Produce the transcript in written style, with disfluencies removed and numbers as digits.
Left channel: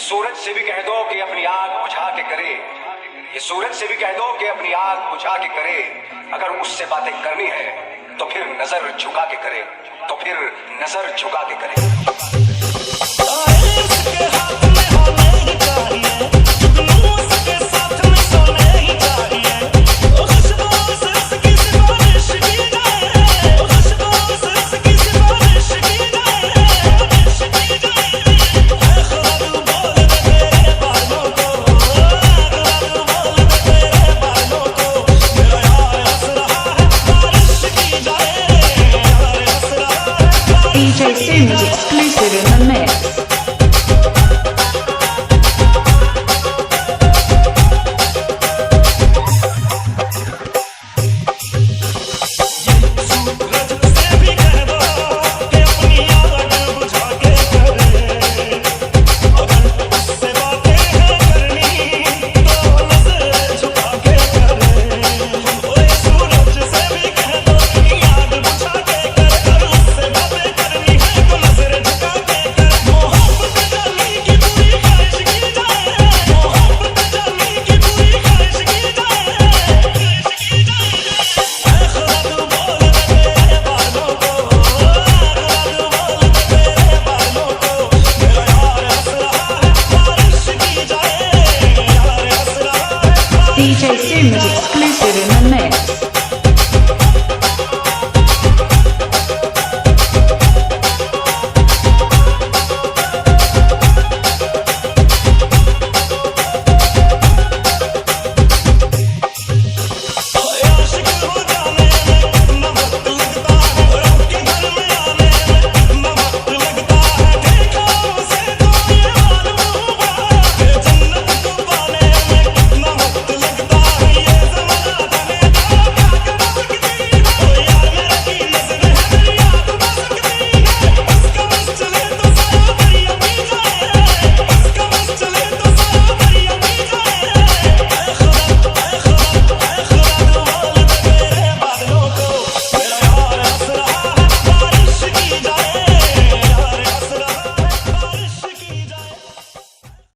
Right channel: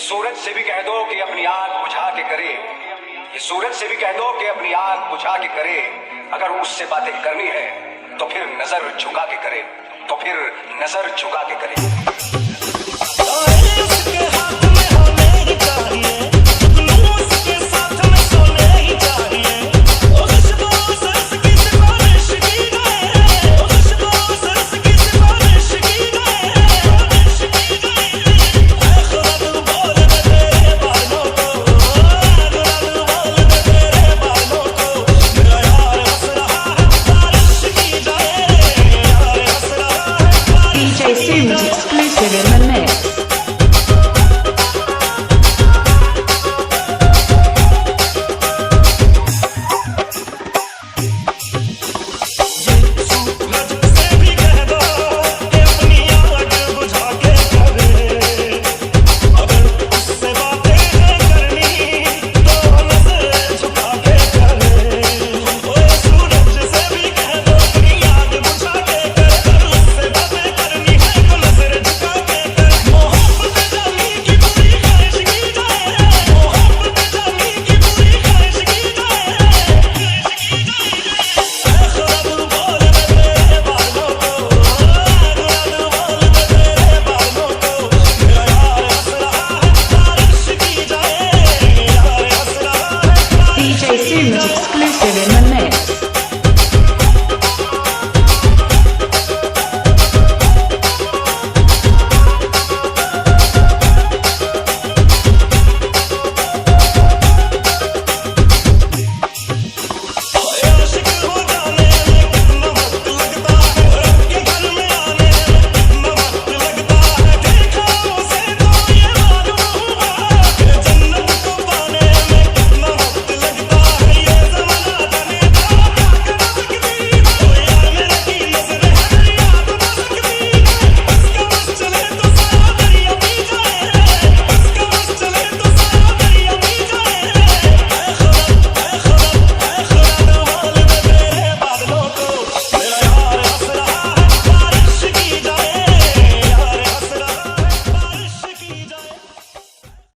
सूरज से भी कह दो कि अपनी आग बुझा के करे, ये सूरज से भी कह दो कि अपनी आग बुझा के करे। अगर उससे बातें करनी है तो फिर नजर झुका के करे, तो फिर नजर झुका के करे।